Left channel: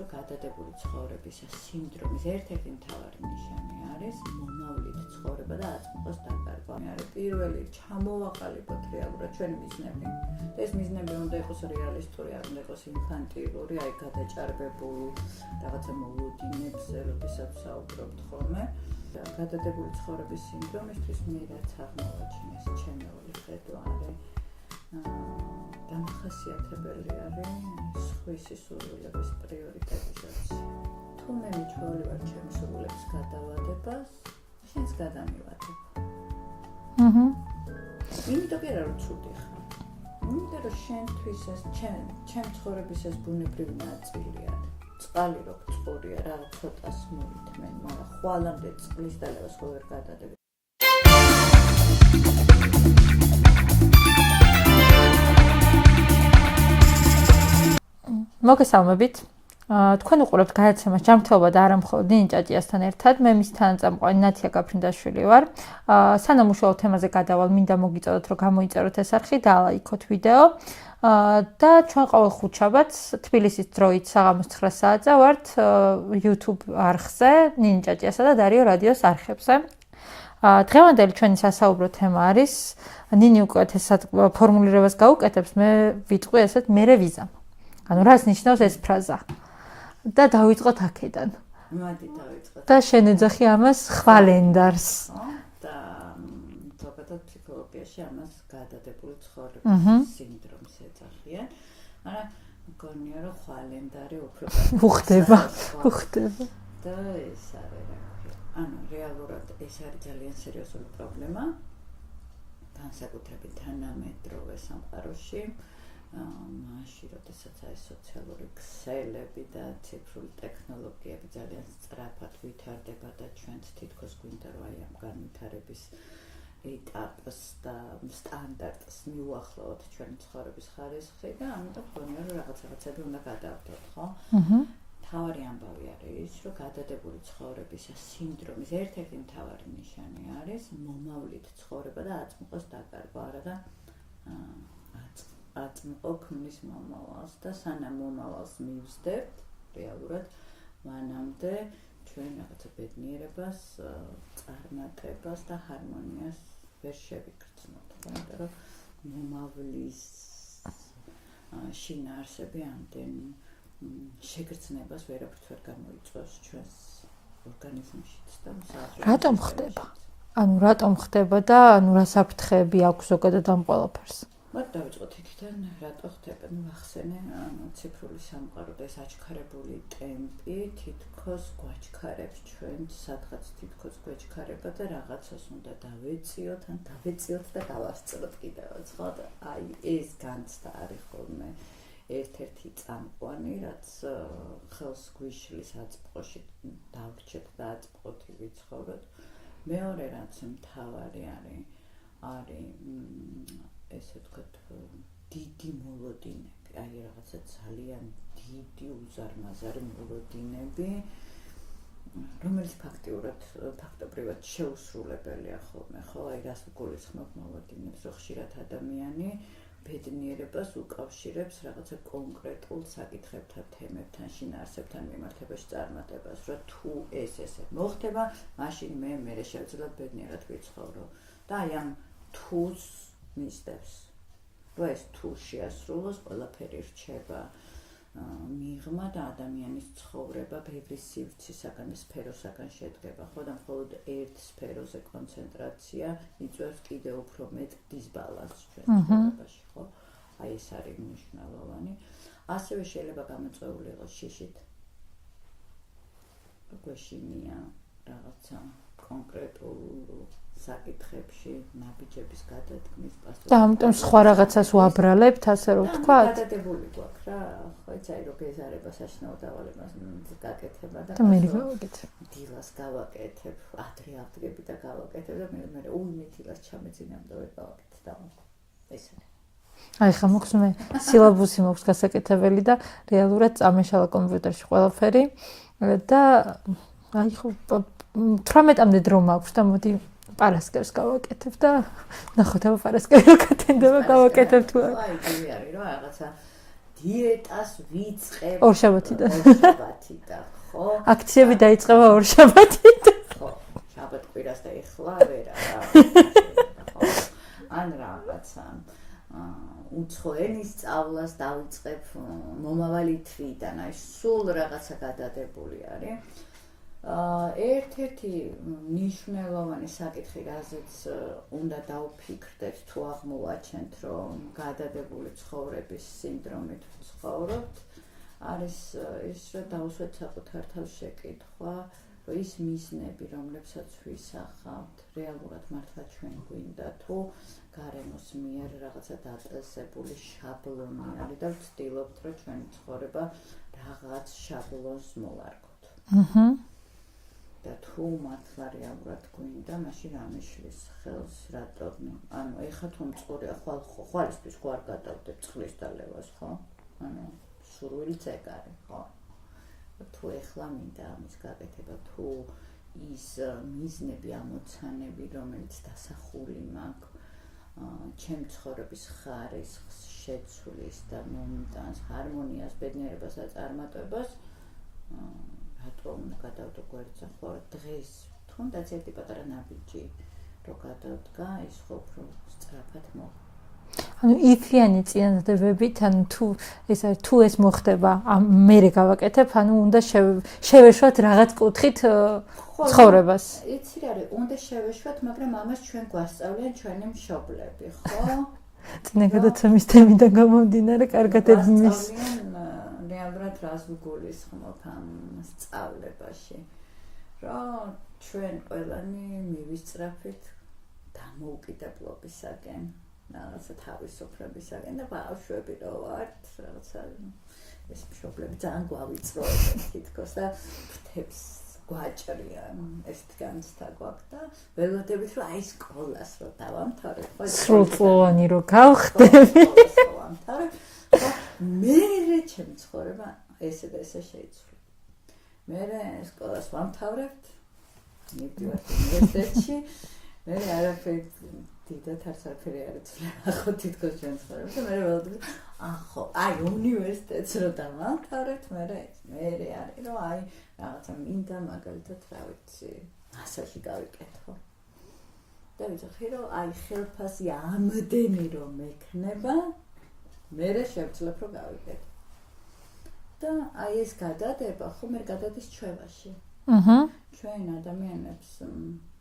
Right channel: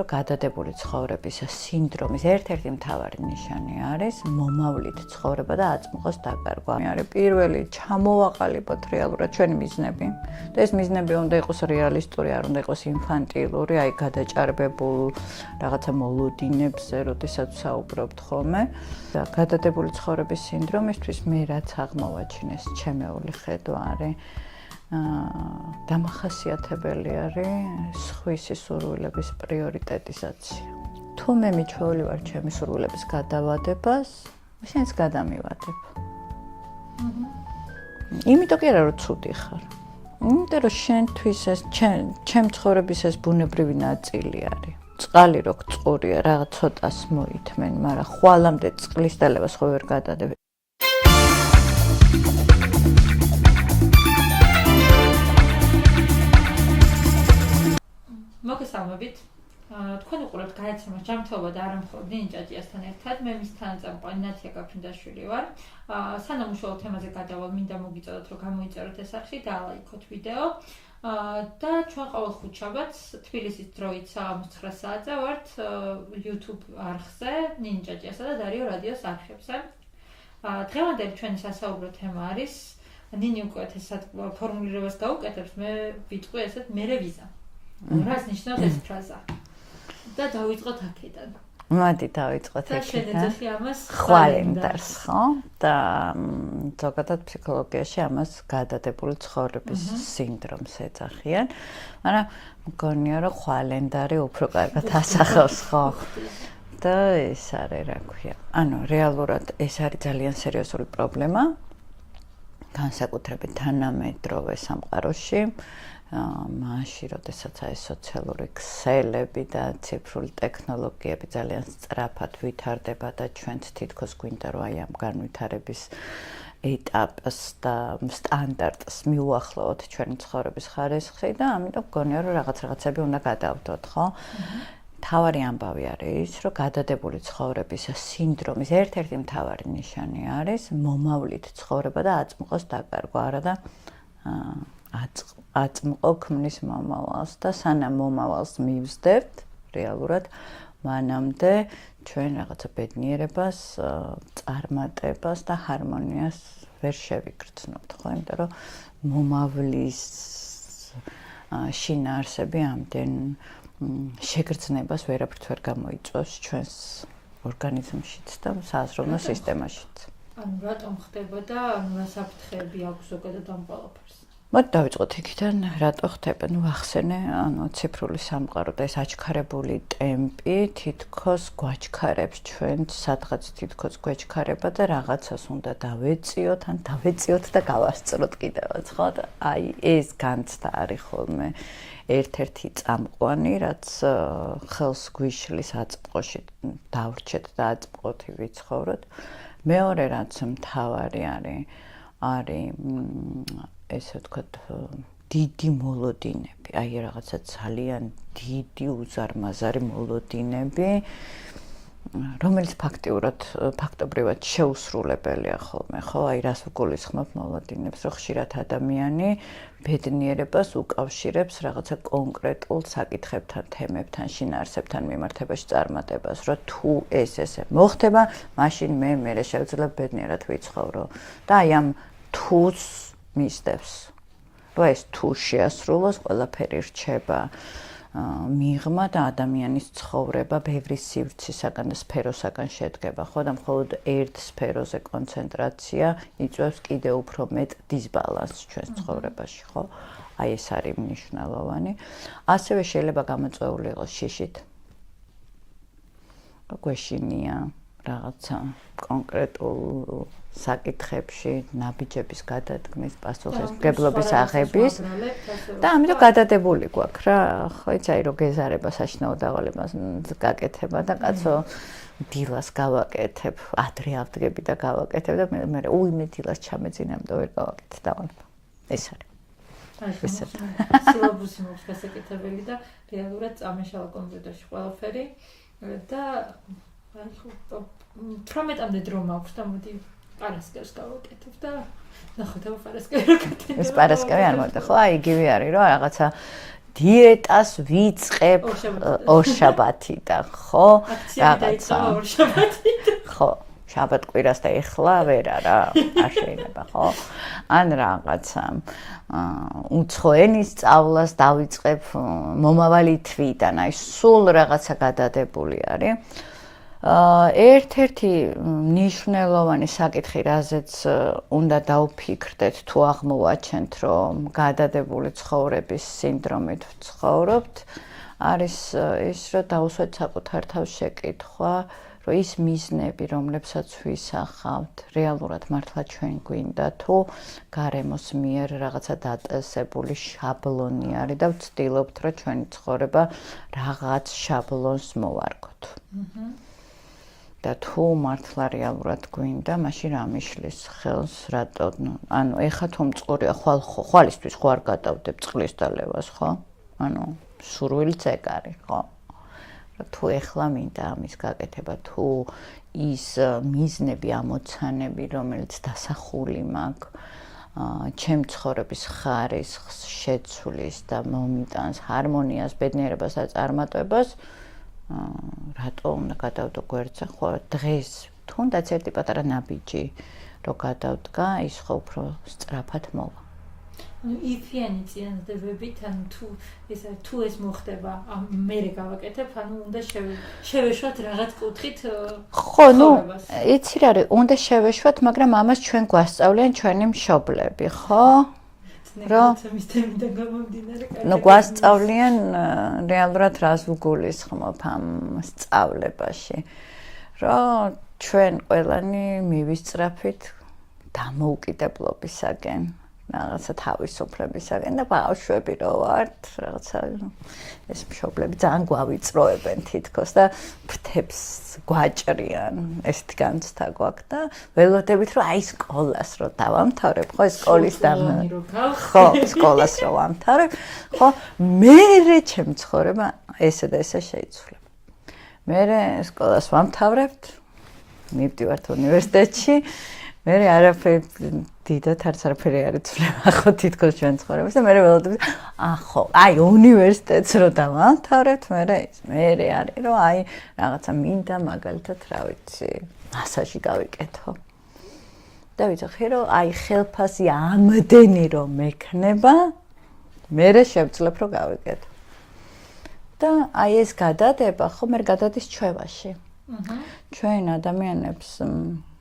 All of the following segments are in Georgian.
რომ გადადებული ცხოვრების სინდრომის ერთ-ერთი მთავარი ნიშანი არის მომავლით ცხოვრება და აწმყოს დაკარგვა. არის პირველი ჩამოვაყალიბოთ რეალურად ჩვენი მიზნები. და ეს მიზნები უნდა იყოს რეალისტური, არ უნდა იყოს ინფანტილური, აი გადაჭარბებულ რაღაცა მოლოდინებზე, როდესაც საუბრობთ ხოლმე. და გადადებული ცხოვრების სინდრომისთვის მე რაც აღმოვაჩინეს ჩემეული ხედვა არის დამახასიათებელი არის სხვისი სურვილების პრიორიტეტიზაცია. თუ მე მიჩვეული ვარ ჩემი სურვილების გადავადებას, შენს გადამივადებ. იმიტომ კი არა რომ ცუდი ხარ. იმიტომ რომ შენთვის ეს ჩემ ცხოვრების ეს ბუნებრივი ნაწილი არის. წყალი რო გწყურია, რაღაც ცოტას მოითმენ, მაგრამ ხვალამდე წყლის დალევას ხო ვერ გადადებ. მოგესალმებით. თქვენ უყურებთ გადაცემას ჯანმრთელობა და არა მხოლოდ ნინი ჭაჭიასთან ერთად. მე მის თანაწამყვანი ნათია გაფრინდაშვილი ვარ. სანამ უშუალო თემაზე გადავალ, მინდა მოგიწოდოთ, რომ გამოიწეროთ ეს არხი და ლაიქოთ ვიდეო. და ჩვენ ყოველ ხუთშაბათს თბილისის დროით საღამოს 9 საათზე ვართ YouTube არხზე, ნინი ჭაჭიასა და დარიო რადიოს არხებზე. დღევანდელი ჩვენი სასაუბრო თემა არის ნინი უკეთესად ფორმულირებას გაუკეთებს, მე ვიტყვი ესეთ მერე ვიზამ. ანუ რას ნიშნავს ეს ფრაზა? და დავიწყოთ აქედან. მოდი დავიწყოთ. და შენეძახი ამას ხვალენდარს, ხო? და ზოგადად ფსიქოლოგიაში ამას გადადებული ცხოვრების სინდრომს ეძახიან. მაგრამ მგონია რომ ხვალენდარი უფრო კარგად ასახავს, ხო? და ეს არის რა ქვია. ანუ რეალურად ეს არის ძალიან სერიოზული პრობლემა. განსაკუთრებით თანამედროვე სამყაროში. მაშინ, როდესაც აი სოციალური ქსელები და ციფრული ტექნოლოგიები ძალიან სწრაფად ვითარდება და ჩვენც თითქოს გვინდა რომ აი ამ განვითარების ეტაპს და სტანდარტს მიუახლოვოთ ჩვენი ცხოვრების ხარისხი და ამიტომ გონია რომ რაღაცები უნდა გადავდოთ, ხო? მთავარი ამბავი არის, რომ გადადებული ცხოვრების სინდრომის ერთ-ერთი მთავარი ნიშანი არის მომავლით ცხოვრება და აწმყოს დაკარგვა, არა და აწმყო ქმნის მომავალს და სანამ მომავალს მივსდებთ რეალურად მანამდე ჩვენ რაღაცა ბედნიერებას, წარმატებას და ჰარმონიას ვერ შევიგრძნობთ, ხო? იმიტომ რომ მომავლის შინაარსები ამდენ შეგრძნებას ვერაფრით ვერ გამოიწვევს ჩვენს ორგანიზმშიც და საზრდოო სისტემაშიც. ანუ რატომ ხდება და ანუ რა საფრთხეები აქვს ზოგადად ამ ყველაფერს? მოდი დავიწყოთ იქიდან, რატო ხდება? ნუ ახსენე, ანუ ციფრული სამყარო და ეს აჩქარებული ტემპი თითქოს გვაჩქარებს ჩვენს, სადღაც თითქოს გვეჩქარება და რაღაცას უნდა დავეწიოთ, ან დავეწიოთ და გავასწროთ კიდევაც, ხო? და აი ეს განცდა არის ხოლმე ერთ-ერთი წამყვანი, რაც ხელს გვიშლის აწმყოში დავრჩეთ და აწმყოთი ვიცხოვროთ. მეორე რაც მთავარი არის ესე ვთქვათ, დიდი მოლოდინები, აი რაღაცა ძალიან დიდი უზარმაზარი მოლოდინები, რომელიც ფაქტობრივად შეუსრულებელია ხოლმე, ხო? აი რას ვგულისხმობ მოლოდინებს, რომ ხშირად ადამიანი ბედნიერებას უკავშირებს რაღაცა კონკრეტულ საკითხებთან, თემებთან, შინაარსებთან მიმართებაში წარმატებას, რომ თუ ესე მოხდება, მაშინ მე შევძლებ ბედნიერად ვიცხოვრო. და აი ამ თუს მისდევს. რომ ეს თუ შეასრულოს, ყველაფერი რჩება მიღმა და ადამიანის ცხოვრება ბევრი სივრცისაგან და სფეროსაგან შედგება, ხო? და მხოლოდ ერთ სფეროზე კონცენტრაცია იწვევს კიდევ უფრო მეტ დისბალანსს ჩვენს ცხოვრებაში, ხო? აი ეს არის მნიშვნელოვანი. ასევე შეიძლება გამოწვეული იყოს შიშით. გვეშინია რაღაცა კონკრეტულ საკითხებში ნაბიჯების გადადგმის პასუხისმგებლობის აღების ვაბრალებთ ასე რომ და ამიტომ გადადებული გვაქვს რა, ხო იცი, რომ გეზარება საშინაო დავალებას გაკეთება და კაცო დილას გავაკეთებ, ადრე ავდგები და გავაკეთებ და მე მე დილას ჩამეძინამდე ვერ გავაკეთე დავალება. ეს არის. აი ხა მოხსნა სილაბუსი მოქვს გასაკეთებელი და რეალურად წამეშალა კომპიუტერში ყველაფერი და აი ხო 18-მდე დრო მაქვს და მოდი პარასკევს გავაკეთებ და ნახოთ ამ პარასკევს გაკეთებ და გავაკეთებ. ხო, აი იგივე არის, რომ რაღაცა დიეტას ვიწყებ ორშაბათიდან, ხო? აქციები დაიწყება ორშაბათიდან. ხო, შაბათ-კვირას და ეხლა ვერა რა, არ შეიძლება, ხო? ან რაღაცა უცხო ენის სწავლას დავიწყებ მომავალი თვიდან, აი სულ რაღაცა გადადებული არის. ერთ-ერთი მნიშვნელოვანი საკითხი, რაზეც უნდა დავფიქრდეთ თუ აღმოვაჩენთ, რომ გადადებული ცხოვრების სინდრომით ვცხოვრობთ, არის ის, რომ დავუსვათ საკუთარ თავს შეკითხვა, რომ ის მიზნები, რომლებსაც ვისახავთ, რეალურად მართლა ჩვენ გვინდა თუ გარემოს მიერ რაღაცა დაწესებული შაბლონი არის და ვცდილობთ, რომ ჩვენი ცხოვრება რაღაც შაბლონს მოვარგოთ. და თუ მართლა რეალურად გვინდა, მაშინ რა მიშლის ხელს, რატო, ანუ ეხა თუ მწყურია, ხვალისთვის ხო არ გადავდებ წყლის დალევას, ხო? ანუ სურვილიც ეგ არის, ხო? თუ ეხლა მინდა ამის გაკეთება, თუ ის მიზნები, ამოცანები, რომელიც დასახული მაქვს, ჩემ ცხოვრების ხარისხს შეცვლის და მომიტანს ჰარმონიას, ბედნიერებას და წარმატებას, რატო უნდა გადავდო გვერდზე, ხო, დღეს თუნდაც ერთი პატარა ნაბიჯი რო გადავდგა, ის ხო უფრო სწრაფად მოვა. ანუ იფიანი წინადადებებით, ანუ თუ ეს მოხდება, მერე გავაკეთებ, ანუ უნდა შევეშვათ რაღაც კუთხით ცხოვრებას. იცი რა არის, უნდა შევეშვათ, მაგრამ ამას ჩვენ გვასწავლიან ჩვენი მშობლები, ხო? წინაგადაცემის თემიდან გამომდინარე, კარგად გვასწავლიან რეალურად რას ვგულისხმობ ამ სწავლებაში, რომ ჩვენ ყველანი მივისწრაფით დამოუკიდებლობისაკენ, რაღაცა თავისუფლებისაკენ და ბავშვები რო ვართ, რაღაცა ეს მშობლები ძალიან გვავიწროებენ თითქოს და ფრთებს გვაჭრიან, ესეთი განცდა გვაქვს და ველოდებით რომ აი სკოლას რო დავამთავრებ, ხო, სკოლის დამთავრებული რო გავხდე, სკოლას რო ვამთავრებ, ხო, მერე ჩემი ცხოვრება ესე და ესე შეიცვლება. მერე სკოლას ვამთავრებთ, მივდივართ უნივერსიტეტში, მერე არაფერი დიდად არც არაფერი არ იცვლება, ხო, თითქოს ჩვენ ცხოვრებას და მერე ველოდებით, ხო, აი უნივერსიტეტს რო დავამთავრებთ, მერე არის, რომ აი რაღაცა მინდა მაგალითად, რა ვიცი, მასაჟი გავიკეთო. და ვიცი, რომ აი ხელფასი ამდენი რომ მექნება, მერე შევძლებ რომ გავიკეთო. და აი ეს გადადება, ხო, მე გადადის ჩვევაში. ჩვენ ადამიანებს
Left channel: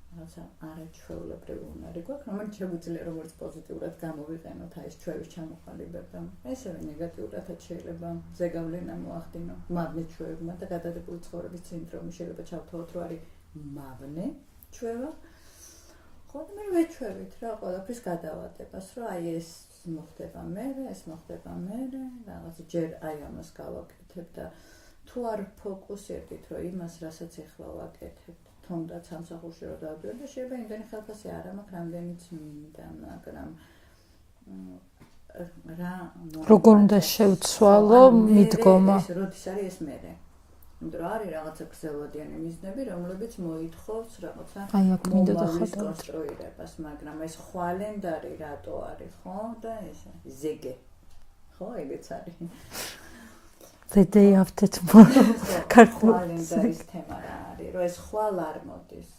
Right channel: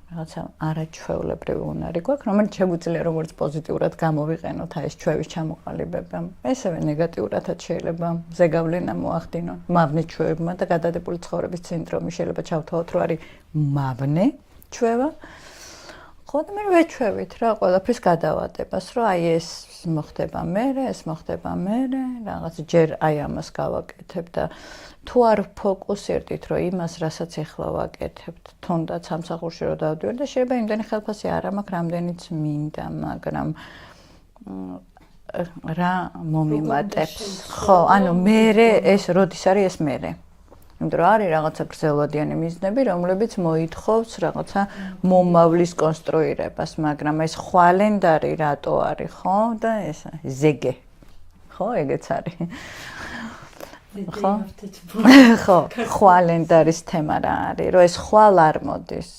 რაღაცა არაჩვეულებრივი უნარი გვაქვს, რომელიც შეგვიძლია როგორც პოზიტიურად გამოვიყენოთ აი ეს ჩვევის ჩამოყალიბება. ესევე ნეგატიურადაც შეიძლება ზეგავლენა მოახდინონ მავნე ჩვევებმა და გადადებული ცხოვრების სინდრომი შეიძლება ჩავთვალოთ, რომ არის მავნე ჩვევა. ხო და მე ვეჩვევით რა ყველაფრის გადავადებას, რომ აი ეს მოხდება მერე, ეს მოხდება მერე, რაღაც ჯერ აი ამას გავაკეთებ და თუ არ ფოკუსირდით, რომ იმას, რასაც ახლა ვაკეთებთ, თუნდაც სამსახურში რო დავდივარ და შეიძლება იმდენი ხელფასი არ მაქვს, რამდენიც მინდა, მაგრამ რა მომიმატებს, ხო, ანუ მერე ეს როდის არის ეს მერე. იმიტომ რომ არის რაღაცა გრძელვადიანი მიზნები, რომლებიც მოითხოვს რაღაცა მომავლის კონსტრუირებას, მაგრამ ეს ხვალენდარი რატო არის, ხო? და ეს ზეგე. ხო, ეგეც არის. The day after tomorrow. ხო, ხვალენდარის თემა რა არის, რომ ეს ხვალ არ მოდის.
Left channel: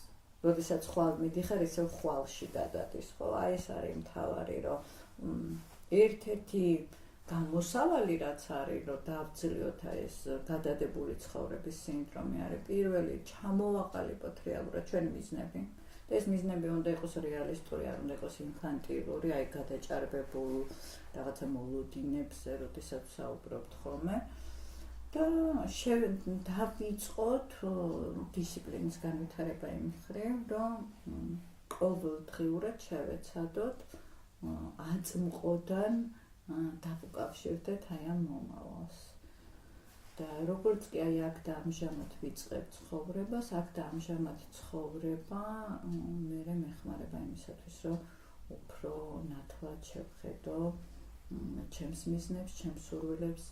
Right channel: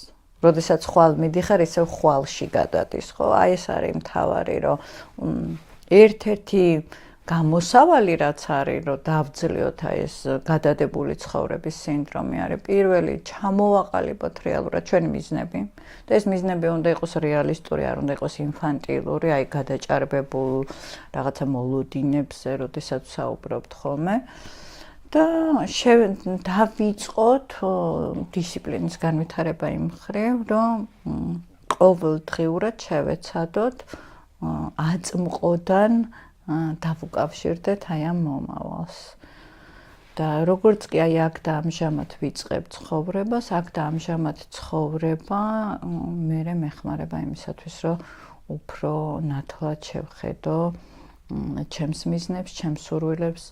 როდესაც ხვალ მიდიხარ, ისევ ხვალში გადადის, ხო? აი ეს არის მთავარი, რომ ერთ-ერთი გამოსავალი რაც არის, რომ დავძლიოთ აი ეს გადადებული ცხოვრების სინდრომი არის. პირველი, ჩამოვაყალიბოთ რეალურად ჩვენი მიზნები. და ეს მიზნები უნდა იყოს რეალისტური, არ უნდა იყოს ინფანტილური, აი გადაჭარბებულ რაღაცა მოლოდინებზე, როდესაც საუბრობთ ხოლმე. და დავიწყოთ დისციპლინის განვითარება იმ მხრივ, რომ ყოველდღიურად შევეცადოთ აწმყოდან დავუკავშირდეთ აი ამ მომავალს. და როგორც კი აი აქ და ამჟამად ვიწყებ ცხოვრებას, აქ და ამჟამად ცხოვრება მერე მეხმარება იმისათვის, რომ უფრო ნათლად შევხედო ჩემს მიზნებს, ჩემს სურვილებს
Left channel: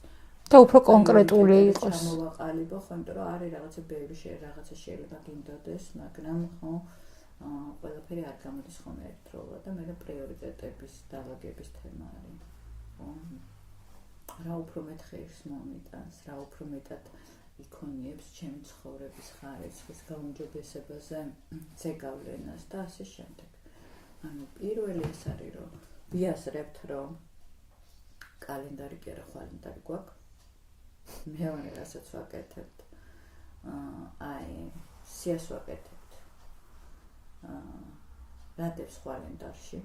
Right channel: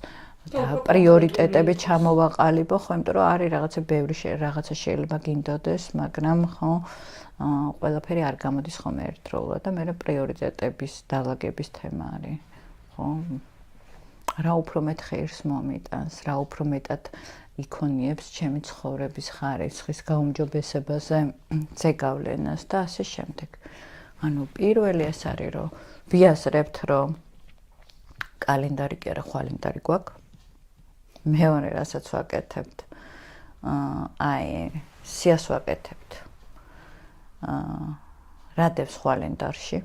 და უფრო პრიორიტეტები ჩამოვაყალიბო, ხო, იმიტომ რომ არის რაღაცა ბევრი რაღაცა შეიძლება გინდოდეს, მაგრამ ხო ყველაფერი არ გამოდის ხოლმე ერთდროულად და მერე პრიორიტეტების დალაგების თემა არის. ხო. რა უფრო მეტ ღირს მომიტანს, რა უფრო მეტად იქონიებს ჩემი ცხოვრების ხარისხის გაუმჯობესებაზე ზეგავლენას და ასე შემდეგ. ანუ პირველი ეს არის, რომ ვიაზრებთ, რომ კალენდარი კი არა, ხვალენდარი გვაქვს. მეორე რასაც ვაკეთებთ, სიას ვაკეთებთ. რადებს ხვალენდარში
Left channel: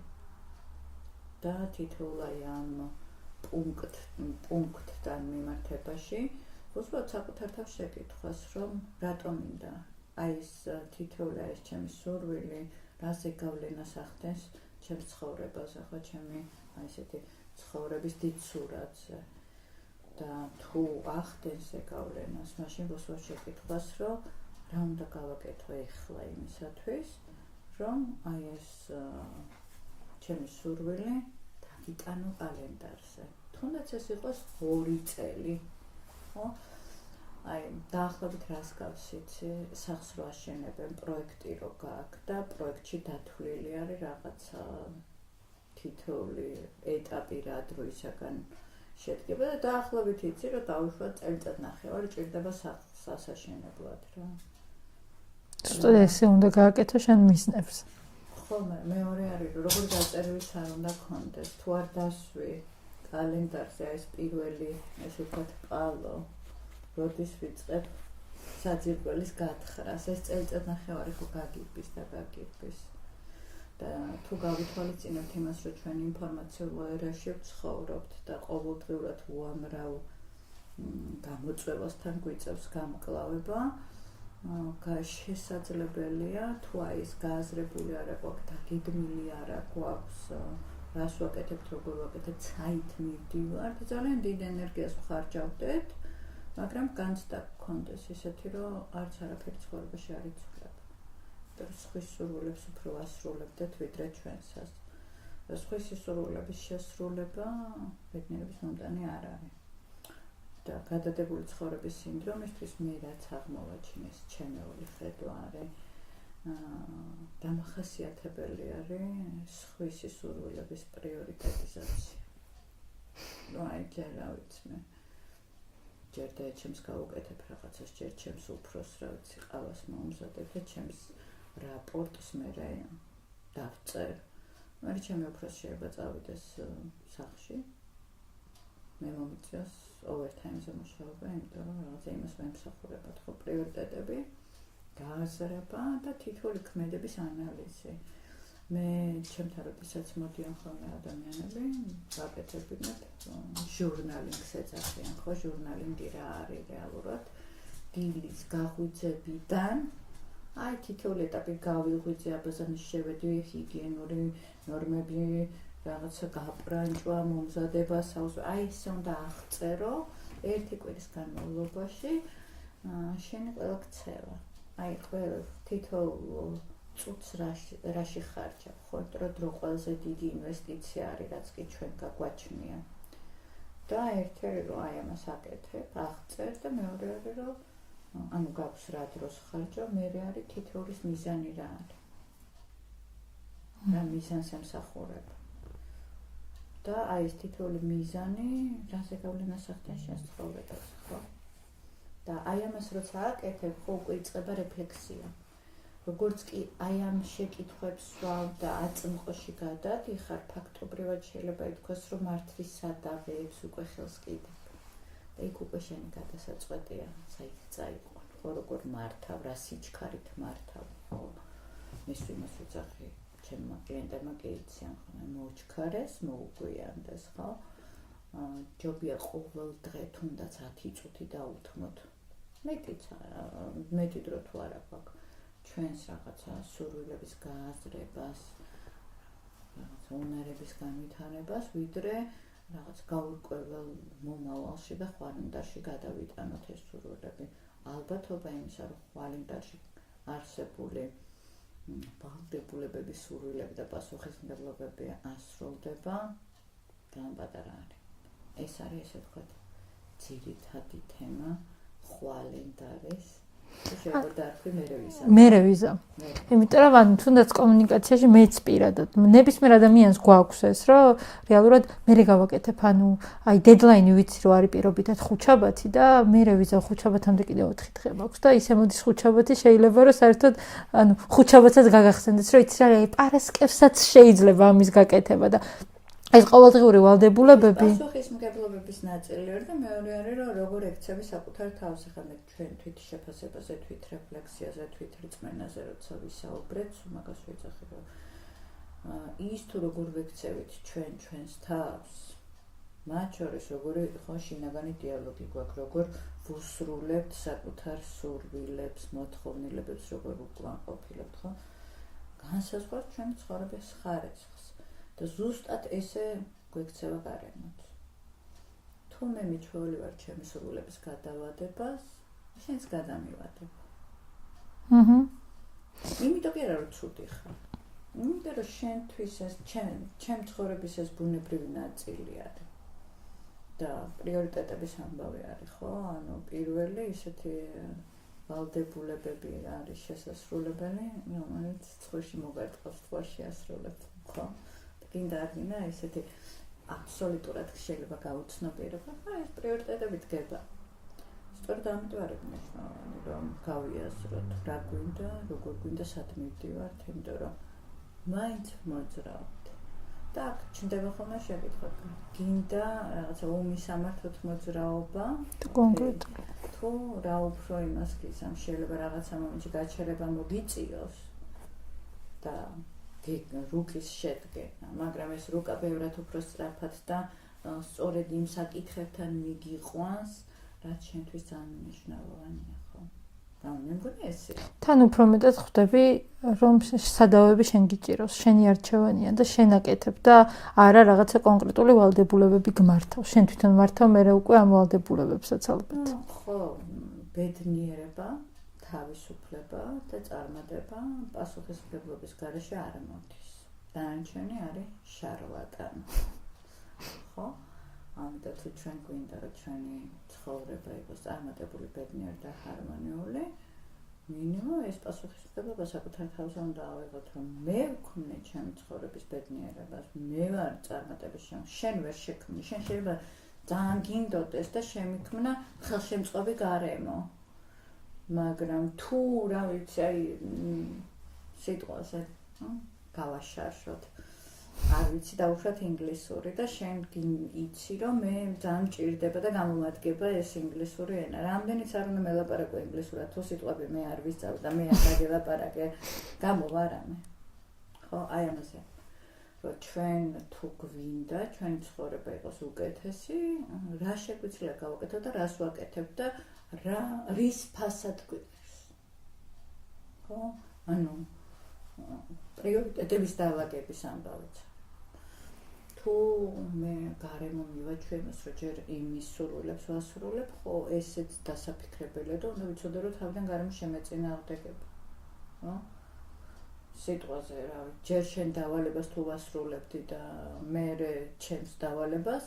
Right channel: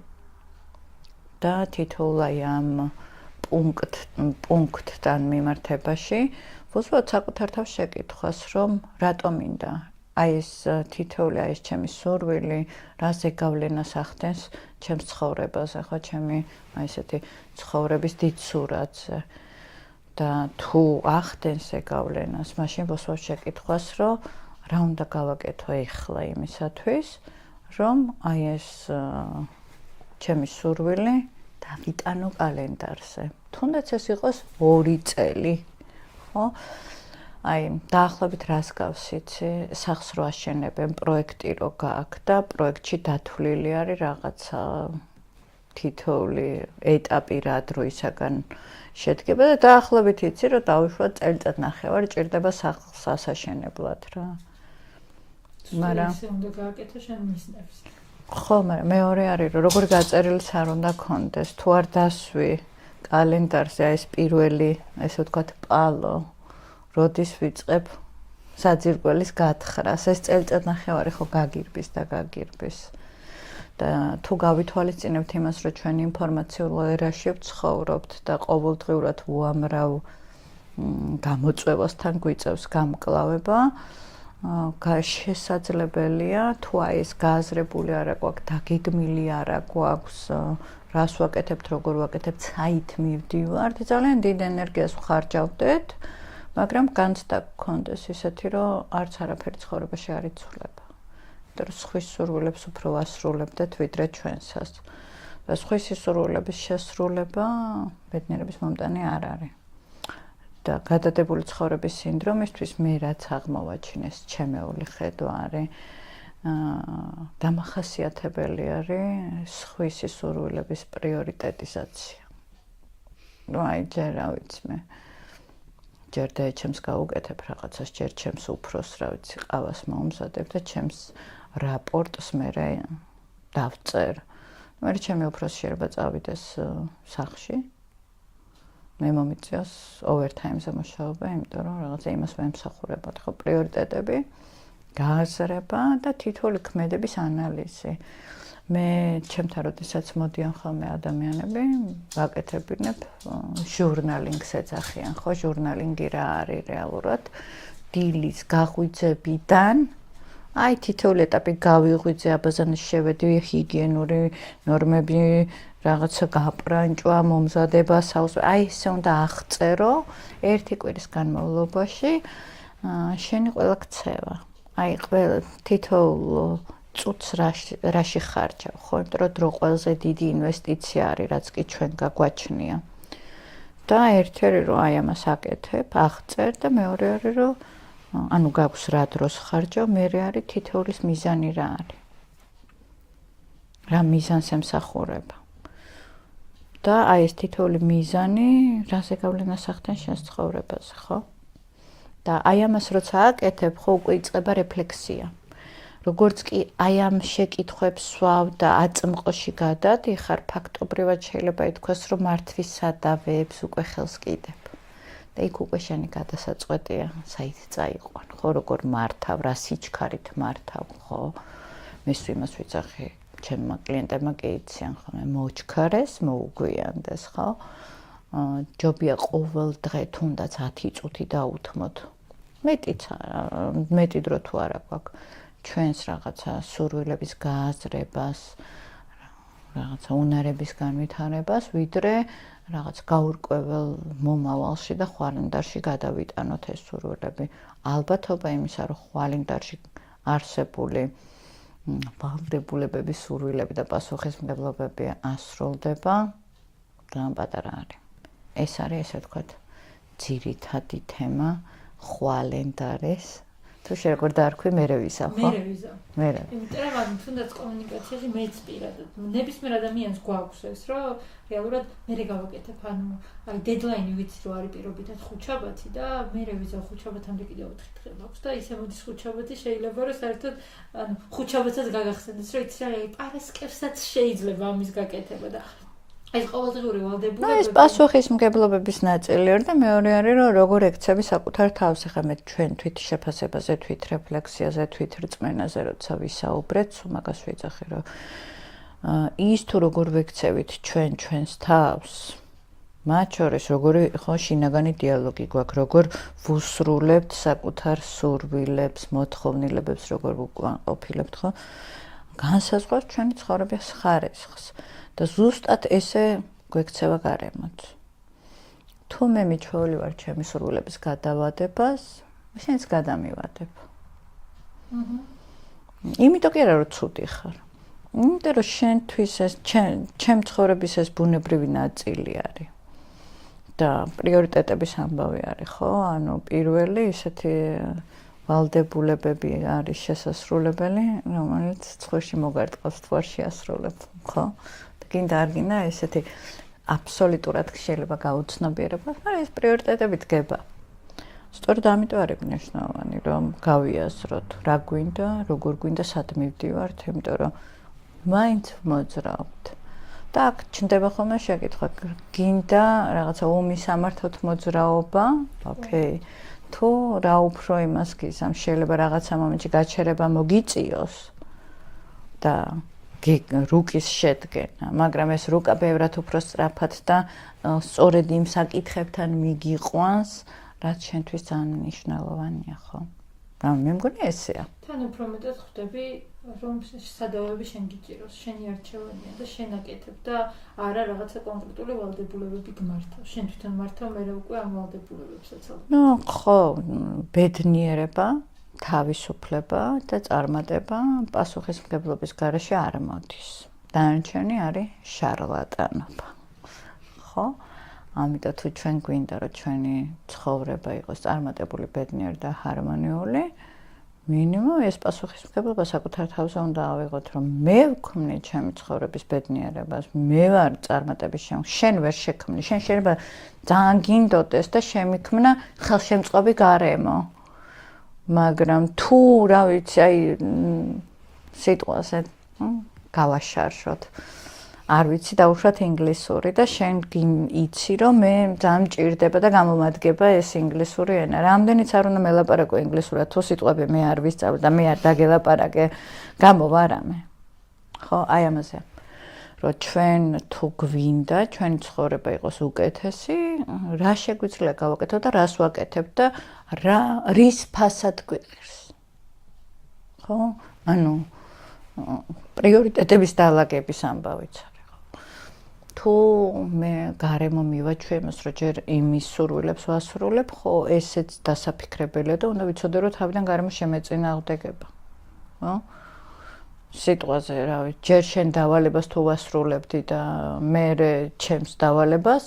და თითოეულ ამ პუნქტთან მიმართებაში ვუძღვოთ საკუთარ თავს შეკითხვას, რომ რატო მინდა ეს თითოეული ეს ჩემი სურვილი, რა ზეგავლენას ახდენს ჩემს ცხოვრებაზე, ხო, ჩემი ესეთი ცხოვრების დიდ სურათზე. და თუ ახდენს ზეგავლენას, მაშინ ვუსვავ შეკითხვას, რომ რა უნდა გავაკეთო ეხლა იმისათვის, რომ ეს ჩემი სურვილი დავიტანო კალენდარზე. თუნდაც ეს იყოს 2 წელი, ხო? დაახლოებით რას გავსიცი, სახლს რო აშენებენ, პროექტი რო გააქვს და პროექტში დათვლილი არის რაღაცა თითოეული ეტაპი რა დროისაგან შედგება და დაახლოებით იცი, რომ დავუშვათ წელიწადნახევარი ჭირდება სახლს ასაშენებლად რა. სტუდიაში უნდა გააკეთო შენ მისნებს. ხო, მაგრამ მეორე არის, რომ როგორ გაწერილს არ უნდა კონდეს, თუ არ დასვი კალენდარზე ეს პირველი, ესე ვთქვათ, პალო, როდის ვიწყებ საძირკველის გათხრას, ეს წელიწადნახევარი ხო გაგირბის და გაგირბის. და თუ გავითვალისწინებთ იმას, რომ ჩვენ ინფორმაციულ ერაში ვცხოვრობთ და ყოველდღიურად უამრავ გამოწვევასთან გვიწევს გამკლავება, შესაძლებელია თუ ეს გააზრებული არა გვაქვს, დაგეგმილი არა გვაქვს, რას ვაკეთებთ, როგორ ვაკეთებთ, საით მივდივართ, ძალიან დიდ ენერგიას ვხარჯავდეთ, მაგრამ განცდა გქონდეს ისეთი, რომ არც არაფერი ცხოვრებაში არ იცვლება. იმიტომ რომ სხვის სურვილებს უფრო ვასრულებდეთ, ვიდრე ჩვენსას. და სხვის სურვილების შესრულება ბედნიერების მომტანი არ არის. და გადადებული ცხოვრების სინდრომისთვის მე რაც აღმოვაჩინეს, ჩემეული ხედვა არის, დამახასიათებელი არის სხვის სურვილების პრიორიტეტიზაცია. ჯერ რა ვიცი მე ჯერ და ჩემს გავუკეთებ რაღაცას, ჯერ ჩემს უფროს რა ვიცი ყავას მომზადებ და ჩემს რაპორტს მე დავწერ. მე ჩემი უფროსი შეიძლება წავიდეს სახლში. მე მომიწევს overtime-ზე მუშაობა, იმიტომ რომ რაღაცა იმას ვემსახურებოდ, ხო, პრიორიტეტები, გააზრება და თითოეული ქმედების ანალიზი. მე ჩემთან როდესაც მოდიან ხოლმე ადამიანები, ვაკეთებინებ ჟურნალინგს ეძახიან, ხო, ჟურნალინგი რა არის რეალურად? დილის გაღვიძებიდან თითოეული ეტაპი გავიღვიძე, აბაზანის შევედი, ჰიგიენური ნორმები, რაღაცა გაპრანჭვა, მომზადება, ესე უნდა აღწერო ერთი კვირის განმავლობაში შენი ყველა ქცევა. ყველა თითოეულ წუთს რაში ხარჯავ, ხო, იმიტომ რომ დრო ყველაზე დიდი ინვესტიცია არის, რაც კი ჩვენ გაგვაჩნია. და ერთი არის, რომ ამას აკეთებ, აღწერ და მეორე არის, რომ ანუ გაქვს რა დროს ხარჯავ, მეორე არის თითოეულის მიზანი რა არის. რა მიზანს ემსახურება. და ეს თითოეული მიზანი რა ზეგავლენას ახდენს შენს ცხოვრებაზე, ხო? და ამას როცა აკეთებ, ხო, უკვე იწყება რეფლექსია. როგორც კი ამ შეკითხვებს სვავ და აწმყოში გადადიხარ, ფაქტობრივად შეიძლება ითქვას, რომ მართვის სადავეებს უკვე ხელს კიდებ. და იქ უკვე შენი გადასაწყვეტია, საით წაიყვან, ხო, როგორ მართავ, რა სიჩქარით მართავ, ხო? მე სულ იმას ვიძახი, ჩემმა კლიენტებმა კი იციან, ხო, მე მოჩქარეს, მოუგვიანდეს, ხო? ჯობია ყოველ დღე თუნდაც 10 წუთი დაუთმოთ. მეტი დრო თუ არა გვაქვს. ჩვენს რაღაცა სურვილების გააზრებას, რაღაცა უნარების განვითარებას, ვიდრე რაღაც გაურკვეველ მომავალში და ხვალენდარში გადავიტანოთ ეს სურვილები. ალბათობა იმისა, რომ ხვალენდარში არსებული ვალდებულებების სურვილები და პასუხისმგებლობები ასრულდება, ძალიან პატარა არის. ეს არის, ესე ვთქვათ, ძირითადი თემა ხვალენდარის თუ შეგვარ დაარქვი მერე ვიზა. მერე ვიზა. მერე. იმიტომ რომ ანუ თუნდაც კომუნიკაციაში მეც პირადად ნებისმიერ ადამიანს გვაქვს ეს, რომ რეალურად მერე გავაკეთებ, ანუ აი დედლაინი ვიცი რომ არის პირობითად ხუთშაბათი და მერე ვიზა ხუთშაბათამდე კიდევ 4 დღე მაქვს და ისე მოდის ხუთშაბათი შეიძლება რომ საერთოდ ანუ ხუთშაბათსაც გაგახსენდეს, რომ იცი რა პარასკევსაც შეიძლება ამის გაკეთება და ეს ყოველდღიური ვალდებულებები ეს პასუხისმგებლობების ნაწილი არის და მეორე არის რომ როგორ ექცევი საკუთარ თავს. ეხლა მე ჩვენ თვით შეფასებაზე, თვით რეფლექსიაზე, თვით რწმენაზე როცა ვისაუბრეთ, მაგას ვიძახი რომ ის თუ როგორ ვექცევით ჩვენს თავს, მათ შორის როგორი ხო შინაგანი დიალოგი გვაქვს, როგორ ვუსრულებთ საკუთარ სურვილებს, მოთხოვნილებებს, როგორ ვუკვანყოფილებთ, ხო? განსაზღვრავს ჩვენი ცხოვრების ხარისხს. და ზუსტად ესე გვექცევა გარემოც. თუ მე მიჩვეული ვარ ჩემი სურვილების გადავადებას, შენც გადამივადებ. იმიტომ კი არა რომ ცუდი ხარ. იმიტომ რომ შენთვის ეს ჩემ ცხოვრების ეს ბუნებრივი ნაწილი არის. და პრიორიტეტების ამბავი არის, ხო? ანუ პირველი ისეთი ვალდებულებები არის შესასრულებელი, რომელიც ცხვირში მოგარტყავს, თუ არ შეასრულებ, ხო? გინდა არ გინდა ესეთი აბსოლუტურად შეიძლება გაუცნობიერება, მაგრამ ეს პრიორიტეტები დგება. სწორედ ამიტომ არის მნიშვნელოვანი, რომ გავიაზროთ, რა გვინდა, როგორ გვინდა, სად მივდივართ, იმიტომ რომ მაინც მოძრაობთ. და აქ ჩნდება ხოლმე შეკითხვა, გინდა რაღაცა უმისამართოთ მოძრაობა, ოკეი. თუ რა უფრო იმას გიზამ, შეიძლება რაღაცა მომენტში გაჩერება მოგიწიოს და რუკის შედგენა, მაგრამ ეს რუკა ბევრად უფრო სწრაფად და სწორედ იმ საკითხებთან მიგიყვანს, რაც შენთვის ძალიან მნიშვნელოვანია, ხო? მე მგონი ესეა. თან უფრო მეტად ხვდები, რომ სადავები შენ გიჭირავს, შენი არჩევანია და შენ აკეთებ და არა რაღაცა კონკრეტული ვალდებულებები გმართავ. შენ თვითონ მართავ, მე უკვე ამ ვალდებულებებსაც ალბათ. ხო, ბედნიერება, თავისუფლება და წარმატება პასუხისმგებლობის გარეშე არ მოდის. დანარჩენი არის შარლატანობა. ხო? ამიტომ თუ ჩვენ გვინდა რომ ჩვენი ცხოვრება იყოს წარმატებული, ბედნიერი და ჰარმონიული, მინიმუმ ეს პასუხისმგებლობა საკუთარ თავზე უნდა ავიღოთ, რომ მე ვქმნი ჩემი ცხოვრების ბედნიერებას, მე ვარ წარმატების შემქმნელი, შენ ვერ შექმნი, შენ შეიძლება ძალიან გინდოდეს და შემიქმნა ხელშემწყობი გარემო. მაგრამ თუ რა ვიცი, აი სიტყვაზე გავაშარშოთ. არ ვიცი დაუშვათ ინგლისური და შენ იცი რომ მე ძალიან მჭირდება და გამომადგება ეს ინგლისური ენა. რამდენიც არ უნდა მელაპარაკო ინგლისურად, თუ სიტყვები მე არ ვისწავლე და მე არ დაგელაპარაკე, გამოვარამე. ხო, აი ამაზე. რომ ჩვენ თუ გვინდა ჩვენი ცხოვრება იყოს უკეთესი, რა შეგვიძლია გავაკეთო და რას ვაკეთებ და რის ფასად გვიყირს. ხო? ანუ პრიორიტეტების დაალაგების ამბავიც არის. თუ მე გარემო მივაჩვე იმას, რომ ჯერ იმის სურვილებს ვასრულებ, ხო, ესეც დასაფიქრებელია და უნდა ვიცოდე, რომ თავიდან გარემო შემეწინააღმდეგება. ხო? სიტყვაზე, რა ვიცი, ჯერ შენ დავალებას თუ ვასრულებდი და მე ჩემს დავალებას,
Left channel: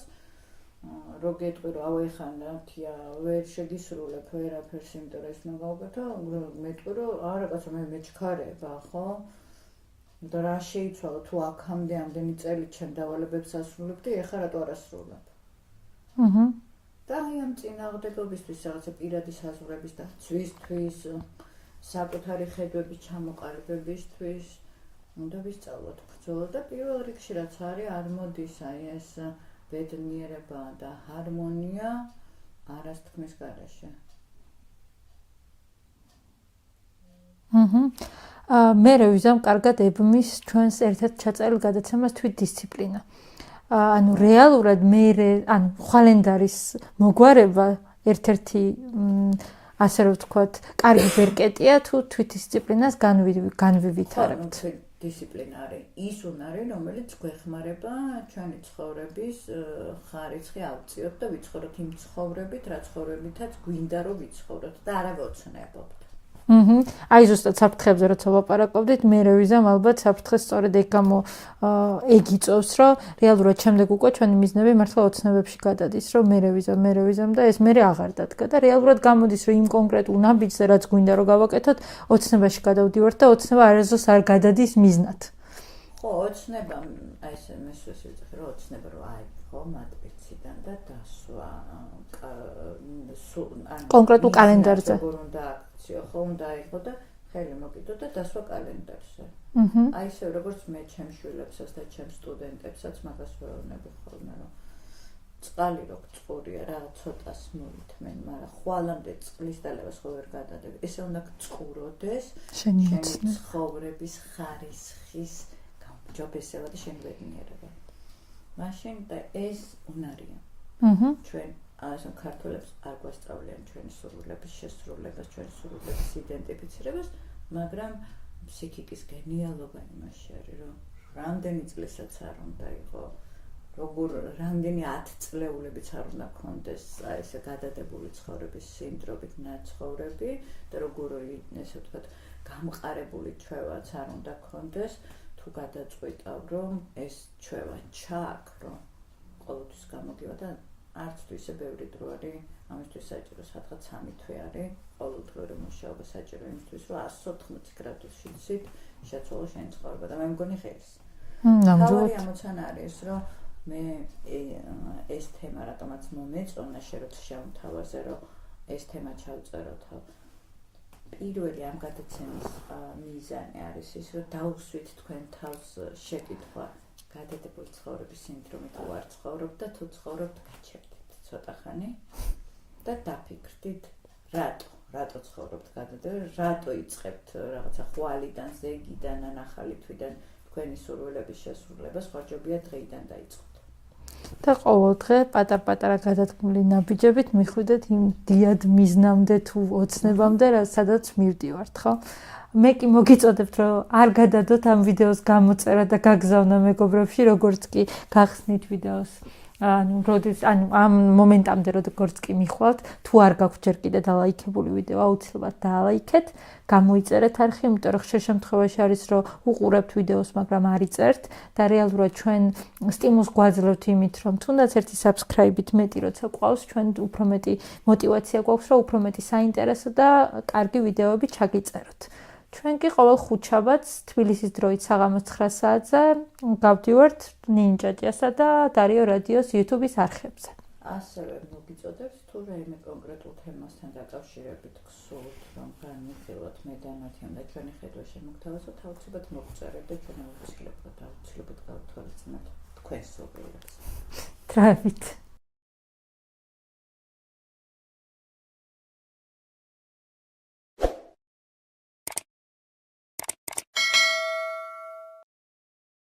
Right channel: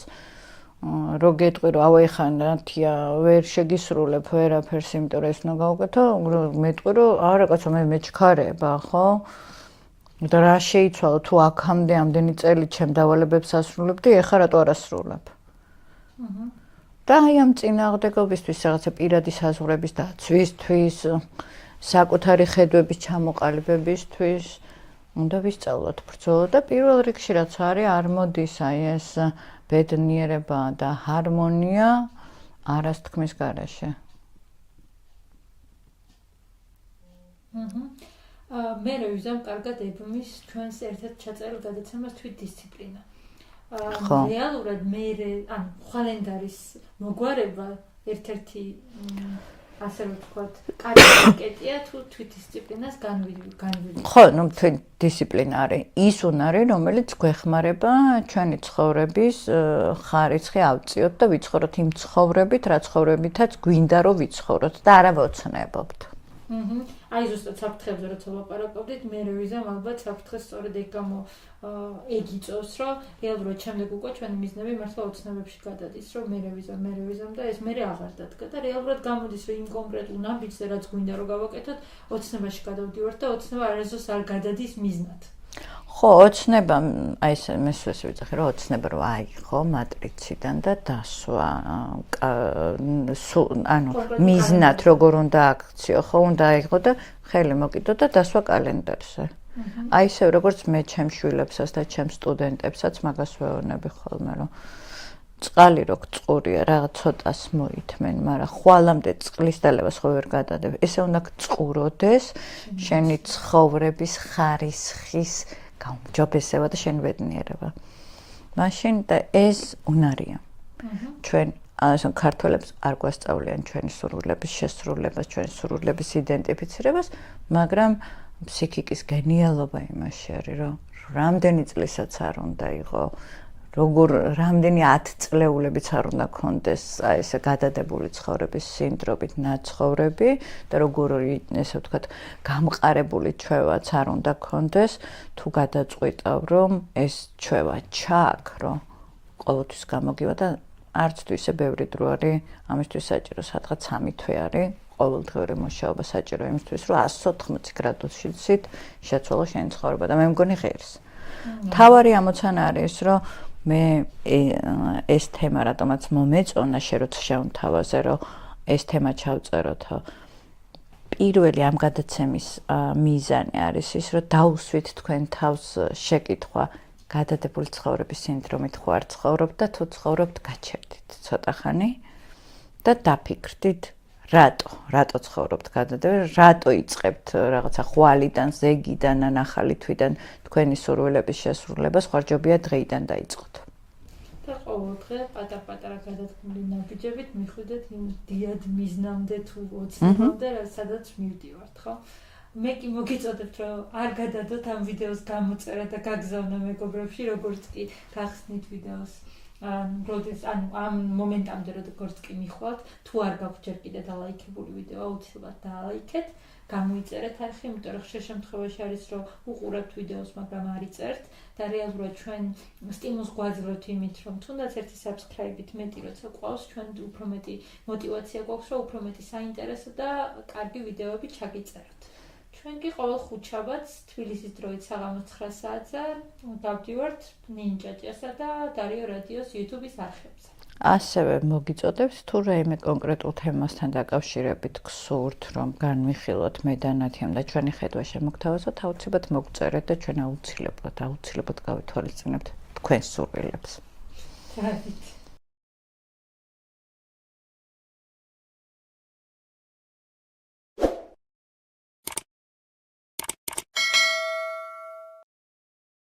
რო გეტყვი, რომ ავი ხან რათია, ვერ შეგისრულებ ვერაფერს, იმიტომ რომ ეს უნდა გავუკეთო, მეტყვი, რომ არა კაცო, მე მეჩქარება, ხო? და რა შეიცვალა თუ აქამდე ამდენი წელი ჩემ დავალებებს ასრულებდი, ეხლა რატო არ ასრულებ? და აი ამ წინააღმდეგობისთვის, რაღაცა პირადი საზღვრების დაცვისთვის, საკუთარი ხედვების ჩამოყალიბებისთვის უნდა ვისწავლოთ ბრძოლა და პირველ რიგში რაც არის, არ მოდის აი ეს ბედნიერება და ჰარმონია არას თქმის გარეშე. მე ვიზამ კარგად ებმის ჩვენს ერთ-ერთ ჩაწერილ გადაცემას თვით დისციპლინა. ანუ რეალურად ანუ ხვალენდარის მოგვარება ერთ-ერთი ასე რომ ვთქვათ, კარგი ბერკეტია თუ თვით დისციპლინას განვივით. ხო, ну თვით დისციპლინა არის ის უნარი, რომელიც გვეხმარება ჩვენი ცხოვრების ხარისხი ავწიოთ და ვიცხოვროთ იმ ცხოვრებით, რა ცხოვრებითაც გვინდა რომ ვიცხოვროთ და არა ვოცნებობთ. აი ზუსტად საფრთხეებზე როცა ვლაპარაკობდით, მე რევიზამ ალბათ საფრთხეს სწორედ ეგ გამო ეგ იწევს, რომ რეალურად შემდეგ უკვე ჩვენი მიზნები მართლა ოცნებებში გადადის, რომ მე რევიზამ და ეს მე აღარ დადგა და რეალურად გამოდის, რომ იმ კონკრეტულ ნაბიჯზე რაც გვინდა რომ გავაკეთოთ, ოცნებაში გადავდივართ და ოცნება არასდროს არ გადადის მიზნად. ხო, ოცნება, აი ეს მესვეს ვიძახი, რომ ოცნება რო აიღო მატრიციდან და დასვა, ანუ მიზნად როგორ უნდა აქციო, ხო, უნდა აიღო და ხელი მოკიდო და დასვა კალენდარზე. აი ისე როგორც მე ჩემ შვილებსაც და ჩემ სტუდენტებსაც მაგას ვეუბნები ხოლმე, რომ წყალი რო გწყურია, რაღაც ცოტას მოითმენ, მაგრამ ხვალამდე წყლის დალევას ხო ვერ გადადებ. ესე უნდა გწყუროდეს შენი ცხოვრების ხარისხის გაუმჯობესება და შენი ბედნიერება. მაშინ და ეს უნარია. ჩვენ ასო ქართველებს არ გვასწავლიან ჩვენი სურვილების შესრულებას, ჩვენი სურვილების იდენტიფიცირებას, მაგრამ ფსიქიკის გენიალობა იმაში არის, რომ რამდენი წლისაც არ უნდა იყო, რამდენი 10 წლეულებიც არ უნდა კონდეს აი ესე გადადებული ცხოვრების სინდრომით ნაცხოვრები და როგორი ესე ვთქვათ გამყარებული ჩვევაც არ უნდა კონდეს თუ გადაწყვიტავ რომ ეს ჩვევა ჩააქრო ყოველთვის გამოგივა და არც თუ ისე ბევრი დრო არის ამისთვის საჭირო სადღაც 3 თვე არის ყოველდღიური მუშაობა საჭირო იმისთვის რომ 180 გრადუსით შეცვალო შენი ცხოვრება და მე მგონი ღირს თავარი ამოცანა არის რომ მე ეს თემა რატომაც მომეწონა შეროც შეუნთავაზე რომ ეს თემა ჩავწეროთო პირველი ამ გადაცემის მიზანი არის ის რომ დაუსვით თქვენ თავს შეკითხვა გადადებული ცხოვრების სინდრომით ხო არ ცხოვრობთ და თუ ცხოვრობთ გაჩერდით ცოტა ხანი და დაფიქრდით რატო ცხოვრობთ გადადებული რატო იწყებთ რაღაცა ხვალიდან ზეგიდან ან ახალი თვიდან თქვენი სურვილების შესრულებას ხარჯობია დღეიდან დაიწყოთ. და ყოველ დღე პატარ-პატარა გადადგმული ნაბიჯებით მიხვიდეთ იმ დიად მიზნამდე თუ ოცნებამდე, სადაც მივდივართ, ხო? მე კი მოგიწოდებთ, რომ არ გადადოთ ამ ვიდეოს გამოწერა და გაგზავნა მეგობრებში, როგორც კი გახსნით ვიდეოს. ამ მომენტამდე როგორც კი მიხვალთ, თუ არ გაქვთ ჯერ კიდე დალაიქებული ვიდეო, აუცილებლად დაალაიქეთ, გამოიწერეთ არხი, იმიტომ რომ ხშირ შემთხვევაში არის, რომ უყურებთ ვიდეოს, მაგრამ არ იწერთ და რეალურად ჩვენ სტიმულს გვაძლევთ იმით, რომ თუნდაც ერთი subscribe-ით მეტი როცა ყავს, ჩვენ უფრო მეტი мотиваცია გვაქვს, რომ უფრო მეტი საინტერესო და კარგი ვიდეოები ჩაგიწეროთ. ჩვენ კი ყოველ ხუთშაბათს თბილისის დროით საღამოს 9 საათზე გავდივართ ნინჯაჭიასა და დარიო რადიოს YouTube-ის არხებზე. ასევე მოგიწოდებთ თუ რაიმე კონკრეტულ თემასთან დაკავშირებით გსურთ რომ განვიხილოთ მე და ნათიამ და ჩვენი ხედვა შემოგთავაზოთ, აუცილებლად მოგწერეთ და ჩვენ აუცილებლად გავითვალისწინებთ თქვენს სურვილებს. დროებით.